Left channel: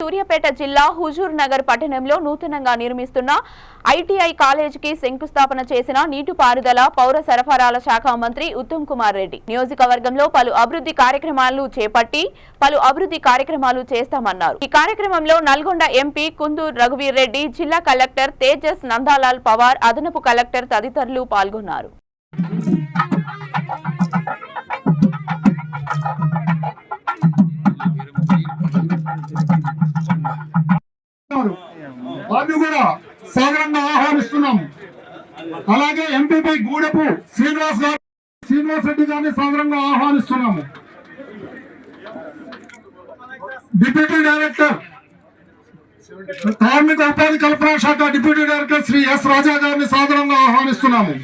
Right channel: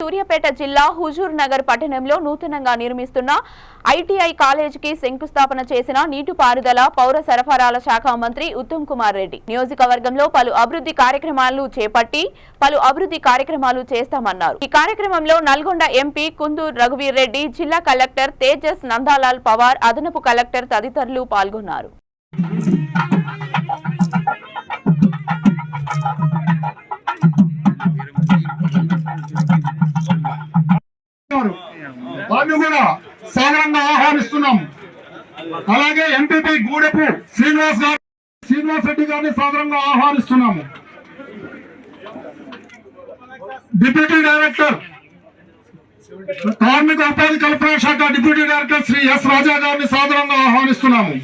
సూర్యాపేట జిల్లా హుజూర్ నగర్ పట్టణంలో నూతనంగా నిర్మిస్తున్న ఐటీఐ కాలేజీకి శంకుస్థాపన చేసిన నీటిపారుదల పౌర సరఫరాల శాఖ మంత్రి ఉత్తమ్ కుమార్ రెడ్డి నియోజకవర్గంలో పలు అభివృద్ధి కార్యక్రమాలు చేస్తామన్నారు। ఈ కార్యక్రమంలో నల్గొండ ఎంపీ కుందూరు రఘువీర్ రెడ్డి, జిల్లా కలెక్టర్ తేజస్ నందాలాల్ పవార్, అదనపు కలెక్టర్ తదితరులు పాల్గొన్నారు। సాధారణంగా ఆహ్వానిస్తున్నాము। అలాగే ఎంపీపీ గూడెపు శ్రీనివాస్ రెడ్డి గారిని సాధారణంగా ఆహ్వానిస్తున్నాము। డిప్యూటీ డైరెక్టర్ కార్మిక ఉపాధి కల్పన శాఖ డిప్యూటీ డైరెక్టర్ శ్రీ ఎస్ రాజా గారిని సాధారణంగా ఆహ్వానిస్తున్నాము।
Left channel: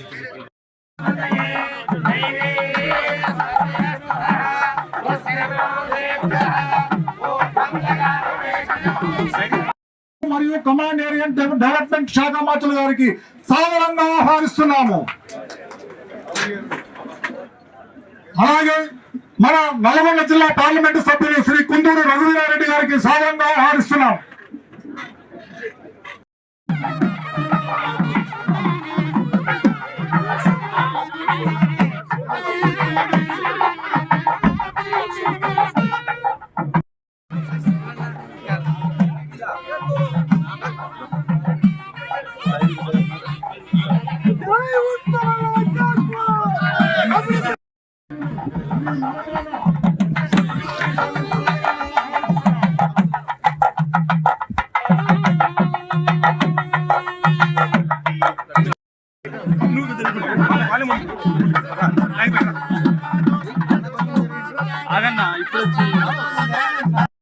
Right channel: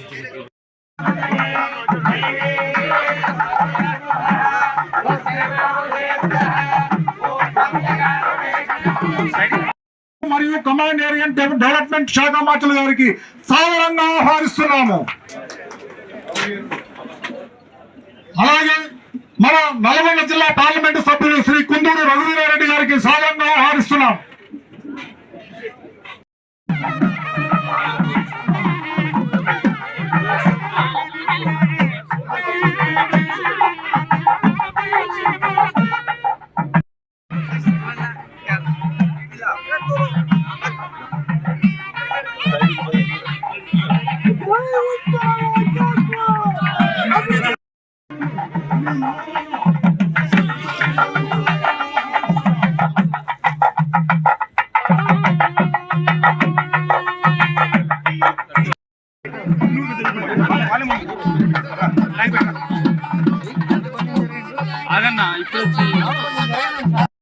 మరియు కమాండ్ ఏరియా డెవలప్మెంట్ శాఖ మంత్రులు గారికి సాధారణంగా ఆహ్వానిస్తున్నాము। అలాగే మన నల్గొండ జిల్లా పార్లమెంటు సభ్యులు శ్రీ కుందూరు రఘువీర్ రెడ్డి గారికి సాధారణంగా ఆహ్వానిస్తున్నాం। ఆగన్నా ఇప్పుడు